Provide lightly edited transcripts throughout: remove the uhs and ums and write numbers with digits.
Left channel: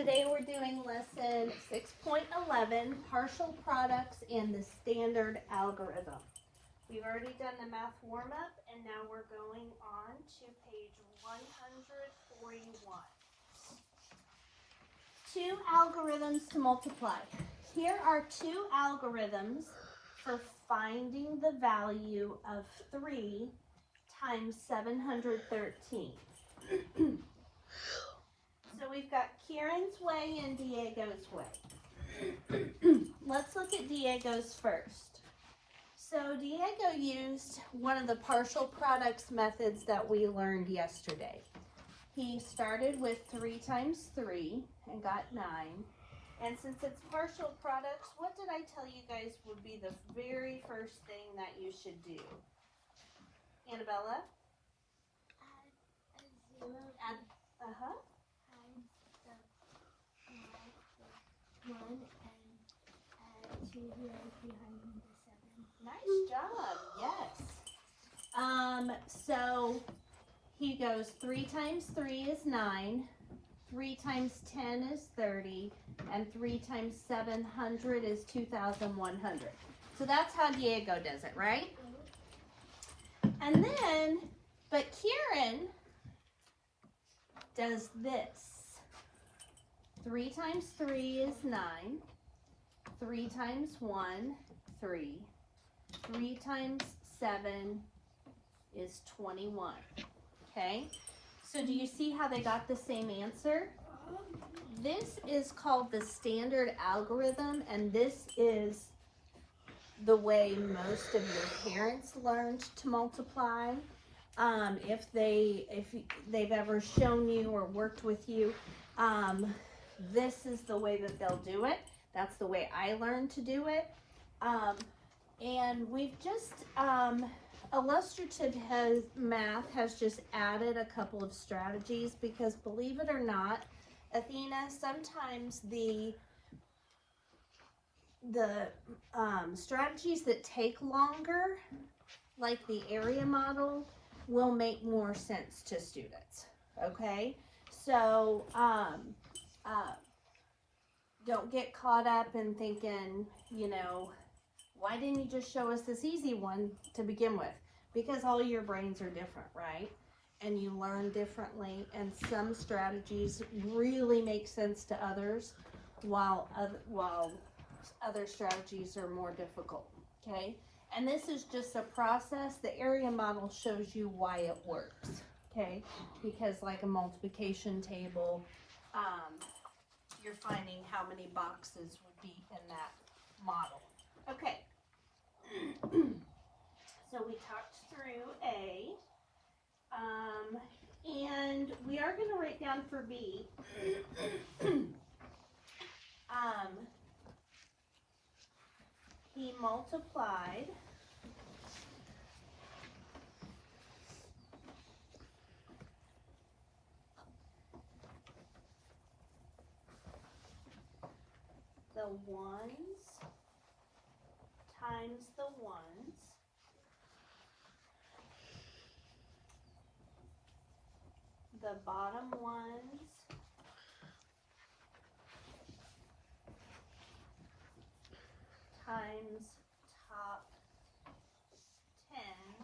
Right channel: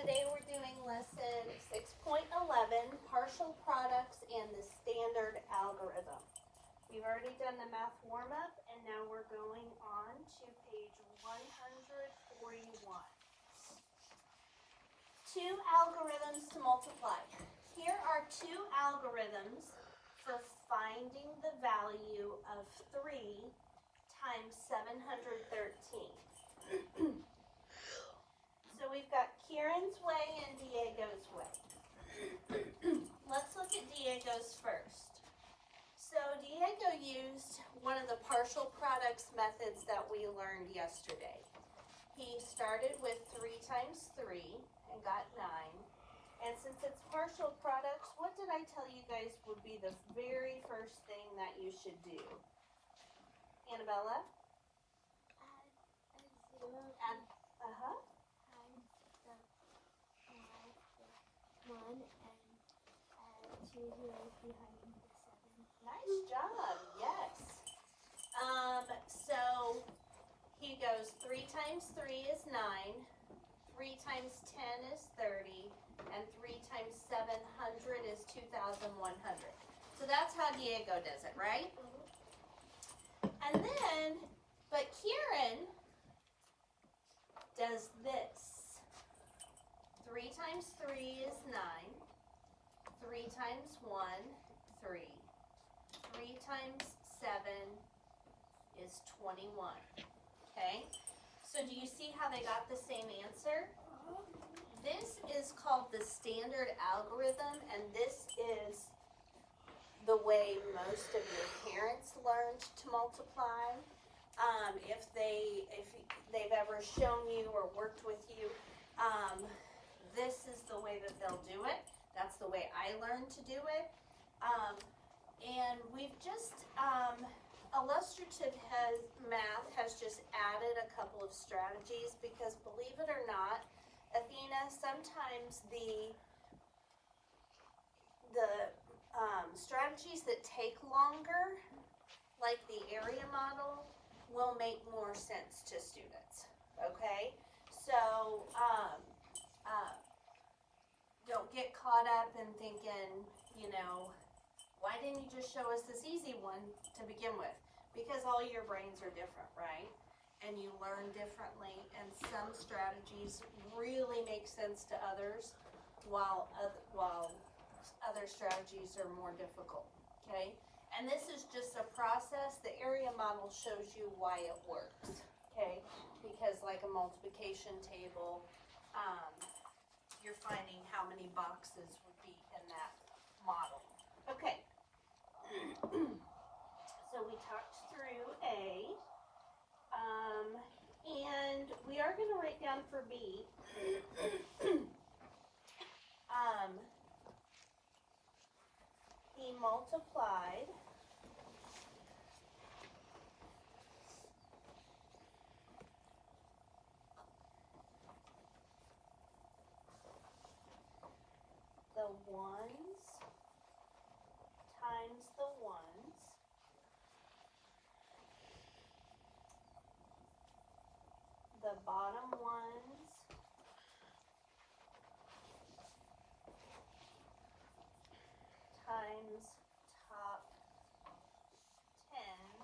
Today we're doing lesson 6.11, partial products and the standard algorithm. We've already done the math warm-up and now we're going on to page 141. Two algorithms to multiply. Here are two algorithms for finding the value of 3 times 713. So we've got Kieran's way and Diego's way. Let's look at Diego's first. So Diego used one of the partial products methods that we learned yesterday. He started with 3 times 3 and got 9. And since it's partial products, what did I tell you guys would be the very first thing that you should do? Annabella? Uh-huh. Nice job, yes. So he goes 3 times 3 is 9, 3 times 10 is 30, and 3 times 700 is 2,100. So that's how Diego does it, right? And then, but Kieran does this. 3 times 3 is 9. 3 times 1, 3. 3 times 7 is 21. Okay? So do you see how they got the same answer? This is called the standard algorithm, and this is the way most of your parents learned to multiply. If they've ever shown you or worked with you, this is the way that they'll do it. That's the way I learned to do it. And we've just, illustrative math has just added a couple of strategies because believe it or not, Athena, sometimes the strategies that take longer, like the area model, will make more sense to students, okay? So, don't get caught up in thinking, you know, why didn't you just show us this easy one to begin with? Because all your brains are different, right? And you learn differently, and some strategies really make sense to others, while other strategies are more difficult, okay? And this is just a process. The area model shows you why it works, okay? Because like a multiplication table, you're finding how many boxes would be in that model. Okay. So we talked through A. And we are going to write down for B. He multiplied the ones times the ones the bottom ones times top tens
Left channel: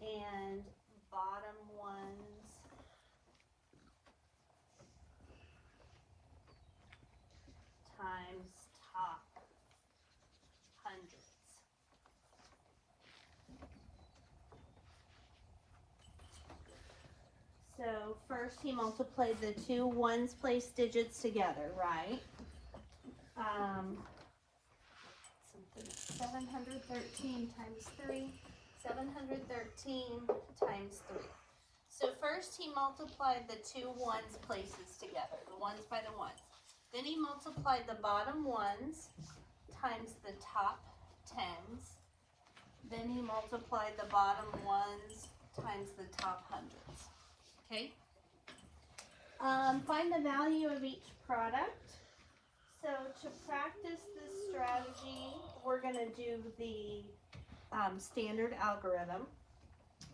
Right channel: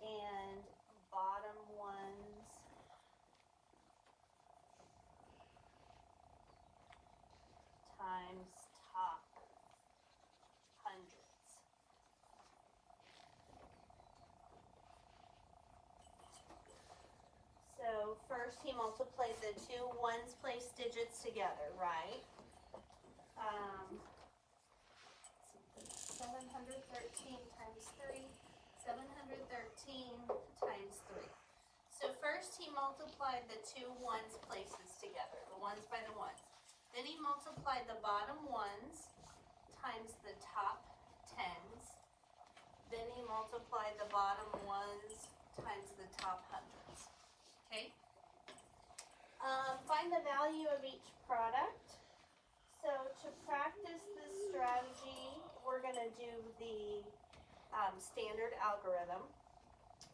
and bottom ones times top hundreds. So first he multiplied the two ones place digits together, right? 713 times 3, 713 times 3. So first he multiplied the two ones places together, the ones by the ones. Then he multiplied the bottom ones times the top tens. Then he multiplied the bottom ones times the top hundreds. Okay? Find the value of each product. So to practice this strategy, we're going to do the standard algorithm.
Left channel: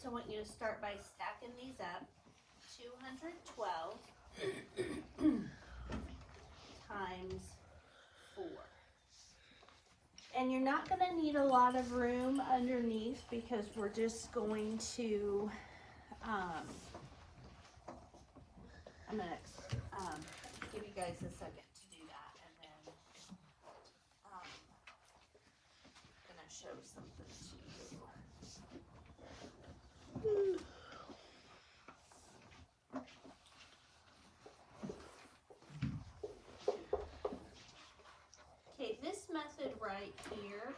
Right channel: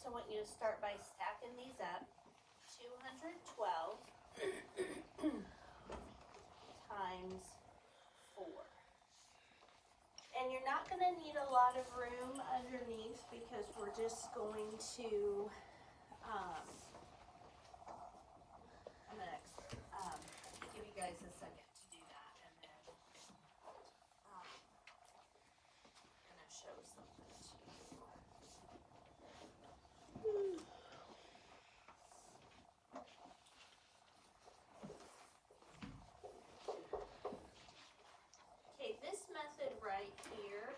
So I want you to start by stacking these up. 212 And you're not going to need a lot of room underneath because we're just going to, I'm going to give you guys a second to do that, and then I'm going to show something to you. Okay, this method right here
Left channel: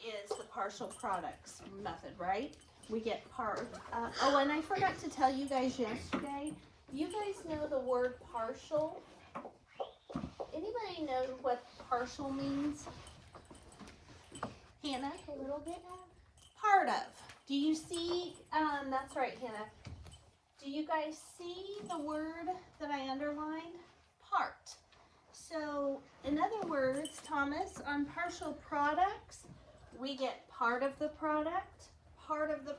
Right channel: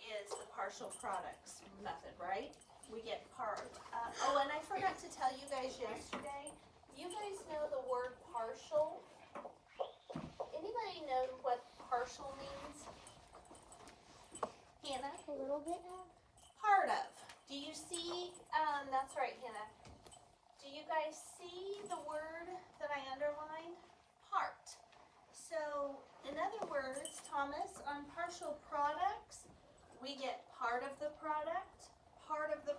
is the partial products method, right? We get oh, and I forgot to tell you guys yesterday, you guys know the word partial? Anybody know what partial means? Hannah, a little bit? Part of. Do you see, that's right, Hannah. Do you guys see the word that I underlined? Part. So, in other words, Thomas, on partial products, we get part of the product, and part of the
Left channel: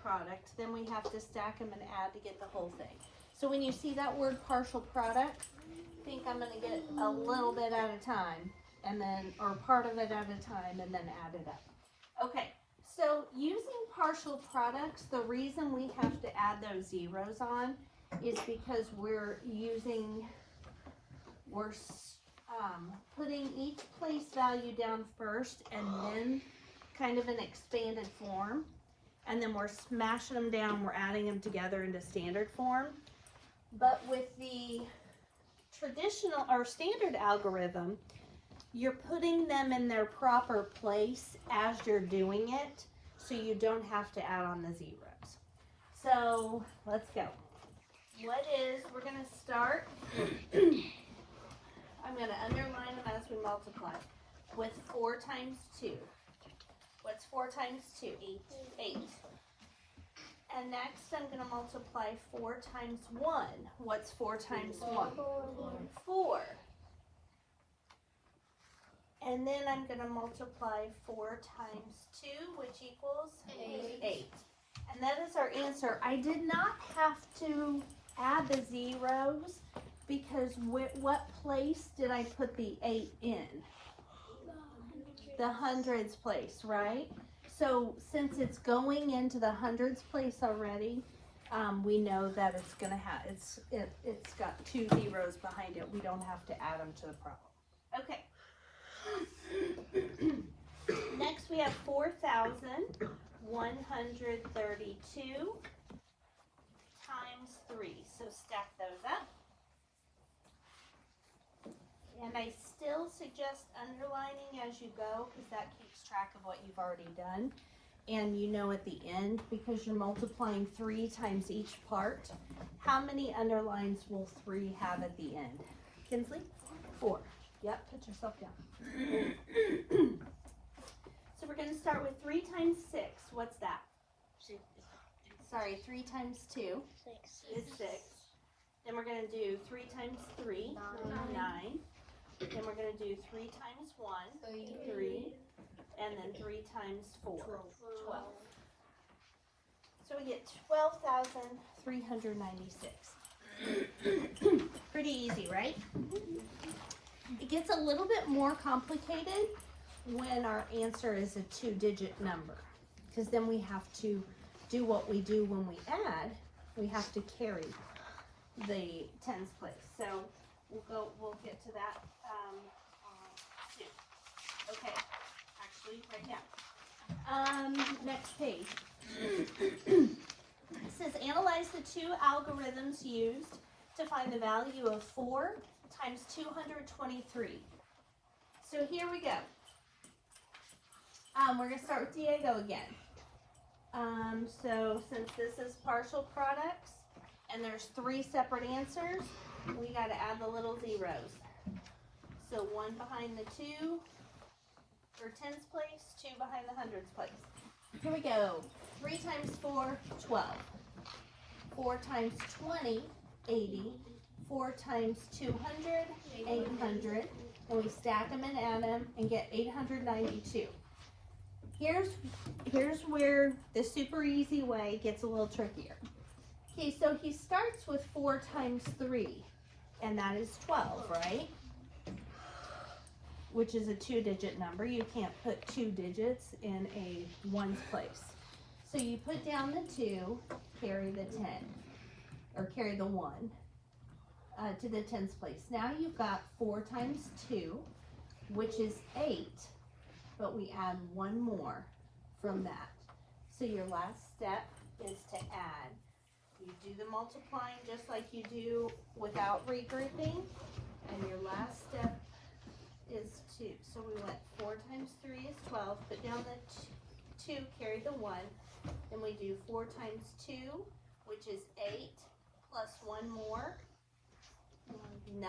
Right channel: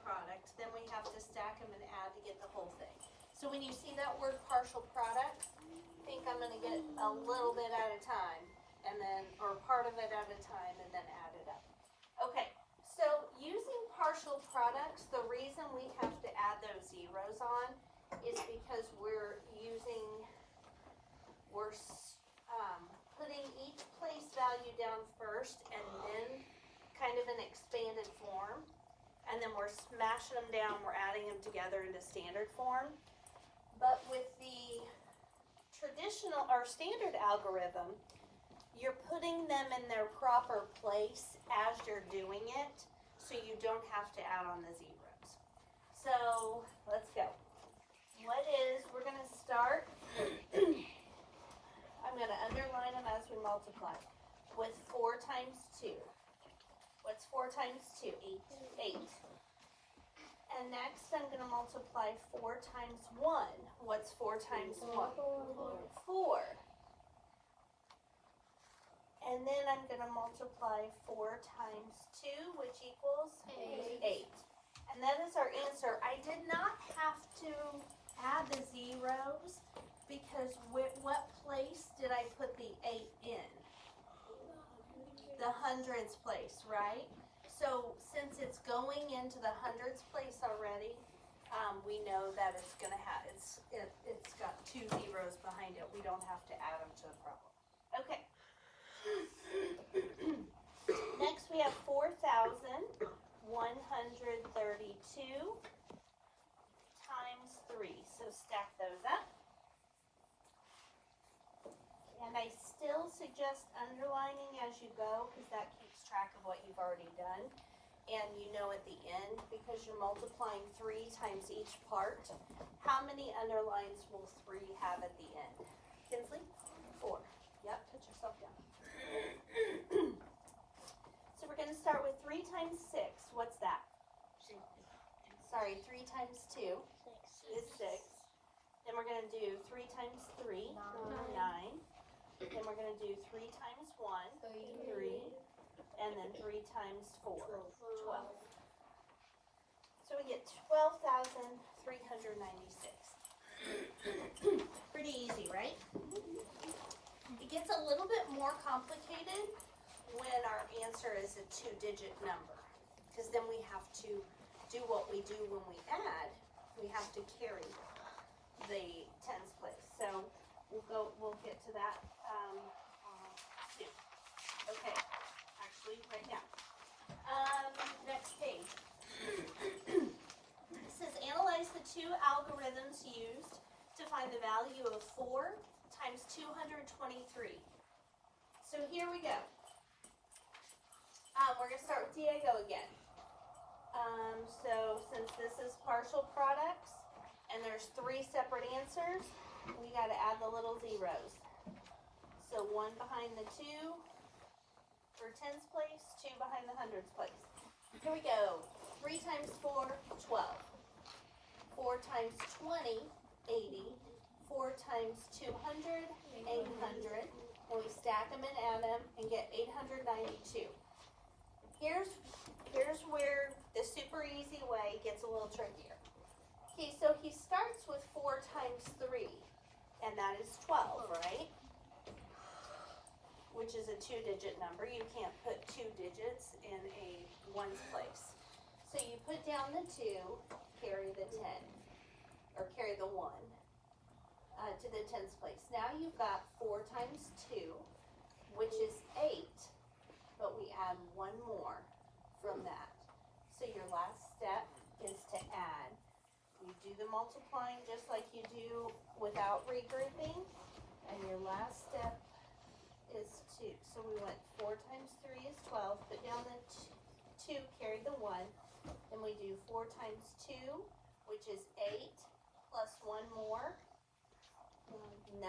product. Then we have to stack them and add to get the whole thing. So when you see that word partial product, think I'm going to get a little bit at a time, and then, or part of it at a time, and then add it up. Okay, so using partial products, the reason we have to add those zeros on is because we're putting each place value down first and then kind of an expanded form, and then we're smashing them down, we're adding them together into standard form. But with the traditional or standard algorithm, you're putting them in their proper place as you're doing it, so you don't have to add on the zeros. So let's go. We're going to start, I'm going to underline them as we multiply, with 4 times 2. What's 4 times 2? 8. And next I'm going to multiply 4 times 1. What's 4 times 1? 4. And then I'm going to multiply 4 times 2, which equals 8. And that is our answer. I did not have to add the zeros because what place did I put the 8 in? The hundreds place, right? So since it's going into the hundreds place already, we know that it's going to have, it's got 2 zeros behind it. We don't have to add them to the problem. Okay. Next we have 4,132 times 3. So stack those up. And I still suggest underlining as you go because that keeps track of what you've already done. And you know at the end, because you're multiplying 3 times each part, how many underlines will 3 have at the end? Kinsley? 4. Yep, put yourself down. So we're going to start with 3 times 6. What's that? Sorry, 3 times 2 is 6. Then we're going to do 3 times 3, 9. Then we're going to do 3 times 1, 3. And then 3 times 4, 12. So we get 12,396. Pretty easy, right? It gets a little bit more complicated when our answer is a 2-digit number, because then we have to do what we do when we add. We have to carry the tens place. So we'll get to that soon. Okay, actually right now. Next page. It says analyze the 2 algorithms used to find the value of 4 times 223. So here we go. We're going to start with Diego again. So since this is partial products and there's 3 separate answers, we got to add the little zeros. So 1 behind the 2 for tens place, 2 behind the hundreds place. Here we go. 3 times 4, 12. 4 times 20, 80. 4 times 200, 800. And we stack them and add them and get 892. Here's where the super easy way gets a little trickier. Okay, so he starts with 4 times 3, and that is 12, right? which is a 2-digit number. You can't put 2 digits in a ones place. So you put down the 2, carry the 10, or carry the 1 to the tens place. Now you've got 4 times 2, which is 8, but we add 1 more from that. So your last step is to add. You do the multiplying just like you do without regrouping, and your last step is 2. So we went 4 times 3 is 12, put down the 2, carry the 1, then we do 4 times 2, which is 8, plus 1 more, 9,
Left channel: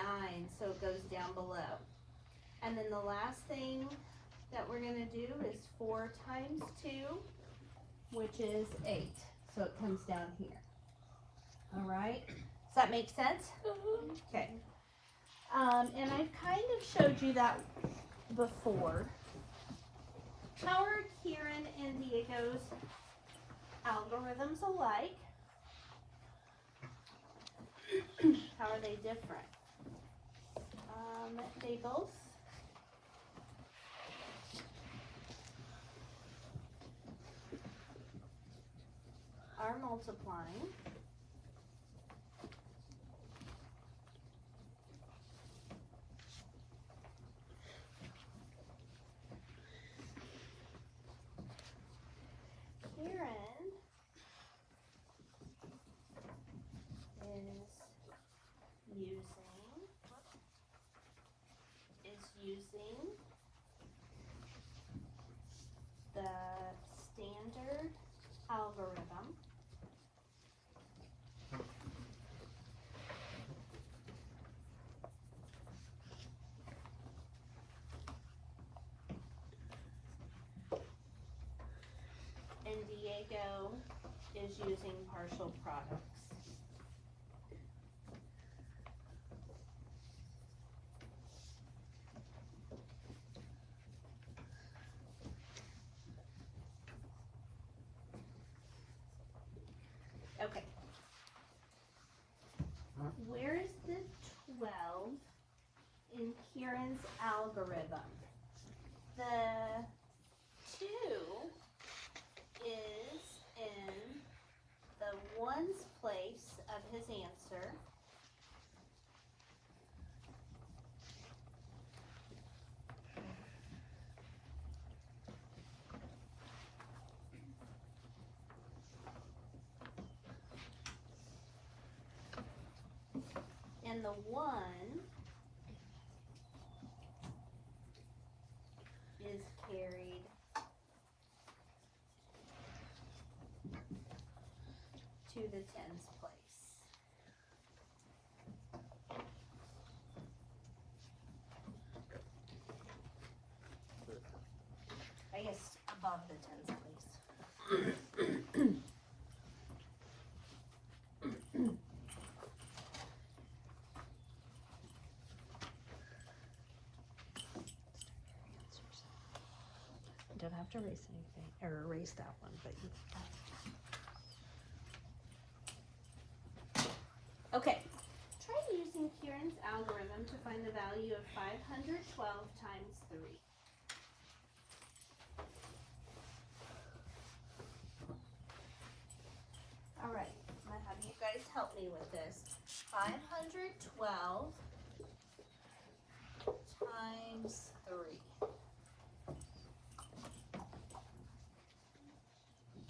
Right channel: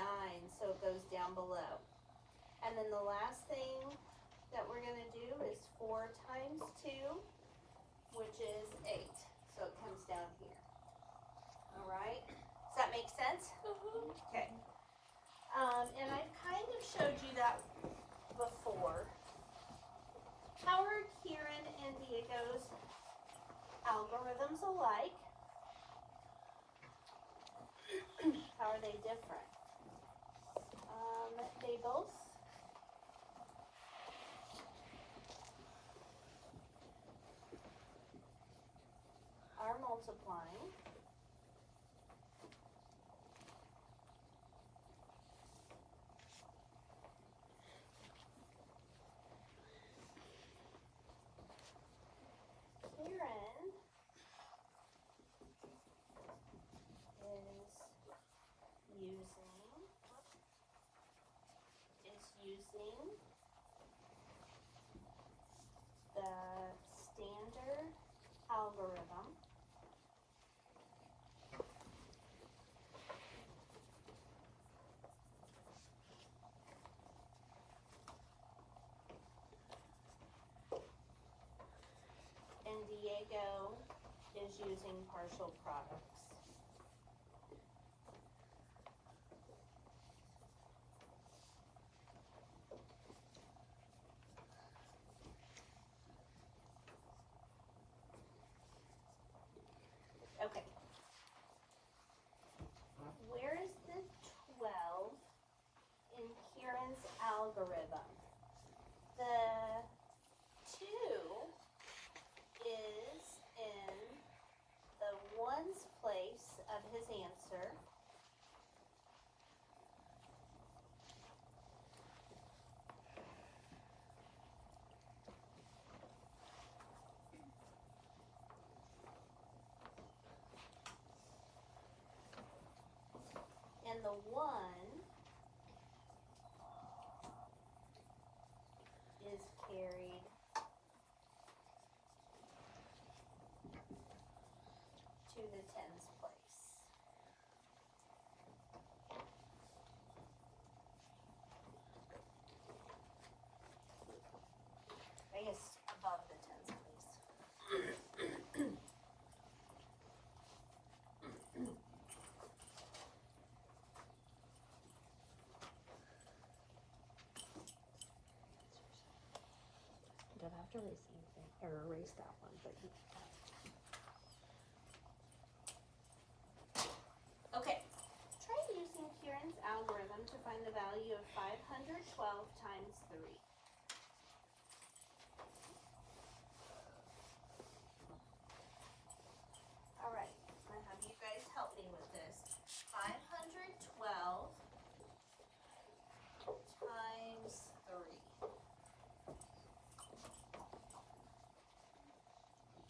so it goes down below. And then the last thing that we're going to do is 4 times 2, which is 8, so it comes down here. All right, does that make sense? Okay. And I've kind of showed you that before. How are Kieran and Diego's algorithms alike? How are they different? They both are multiplying. Kieran is using the standard algorithm. And Diego is using partial products. Okay. Where is the 12 in Kieran's algorithm? The 2 is in the ones place of his answer. And the 1 is carried to the tens place. I guess above the tens place. Don't have to erase anything, or erase that one, but okay. Try using Kieran's algorithm to find the value of 512 times 3. All right, I'm gonna have you guys help me with this. 512 times 3.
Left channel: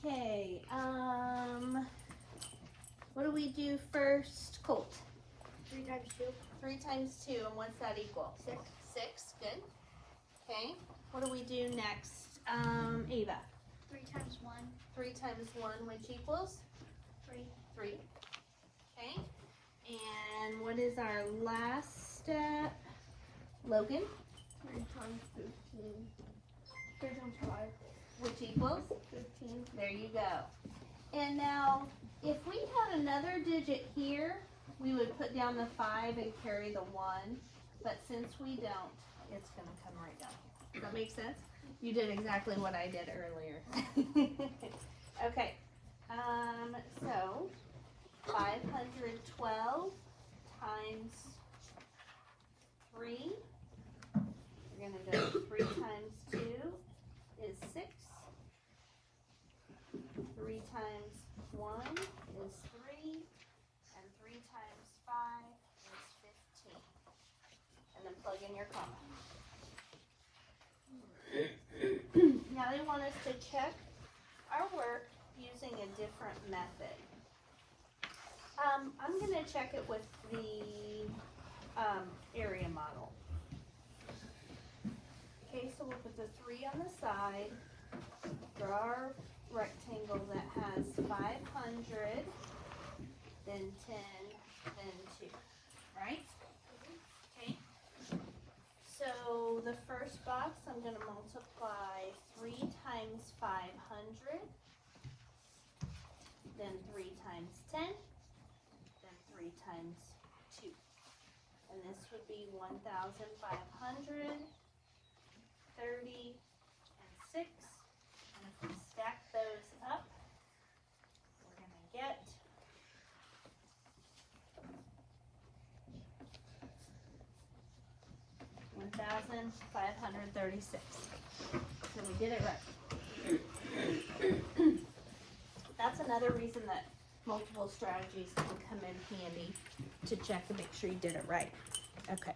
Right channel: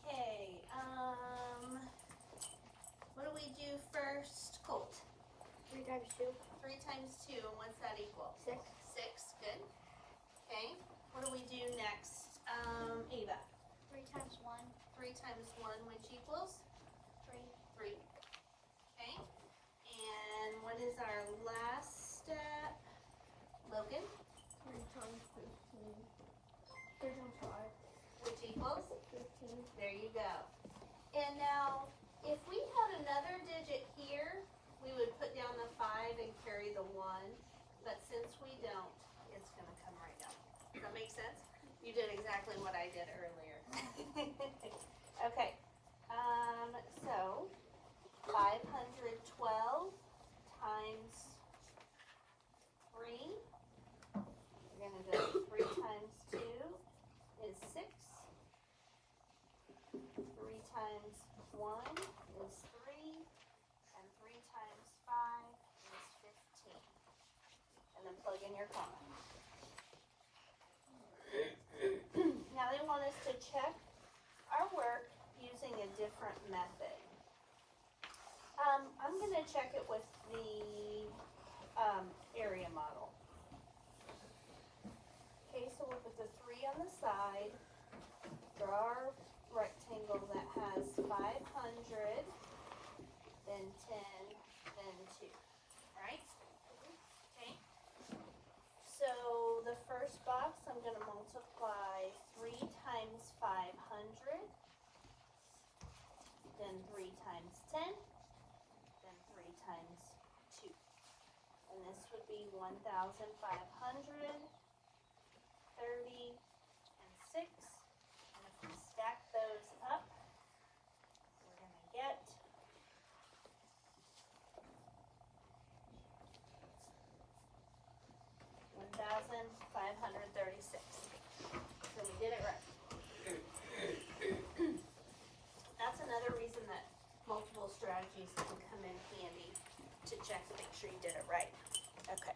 Okay, what do we do first, Colt? 3 times 2. 3 times 2, and what's that equal? 6. 6, good. Okay, what do we do next? Ava? 3 times 1. 3 times 1, which equals? 3. 3. Okay, and what is our last step? Logan? 3 times 15. 3 times 5. Which equals? 15. There you go. And now, if we had another digit here, we would put down the 5 and carry the 1. But since we don't, it's going to come right down here. Does that make sense? You did exactly what I did earlier. Okay. So 512 times 3 We're gonna go 3 times 2 is 6. 3 times 1 is 3. And 3 times 5 is 15. And then plug in your comma. Now they want us to check our work using a different method. I'm going to check it with the area model. Okay, so we'll put the 3 on the side, draw our rectangle that has 500, then 10, then 2, right? Okay, so the first box I'm going to multiply 3 times 500, then 3 times 10, then 3 times 2. And this would be 1,500, 30, and 6. And if we stack those up, we're going to get 1,536. So we did it right. That's another reason that multiple strategies can come in handy to check to make sure you did it right. Okay.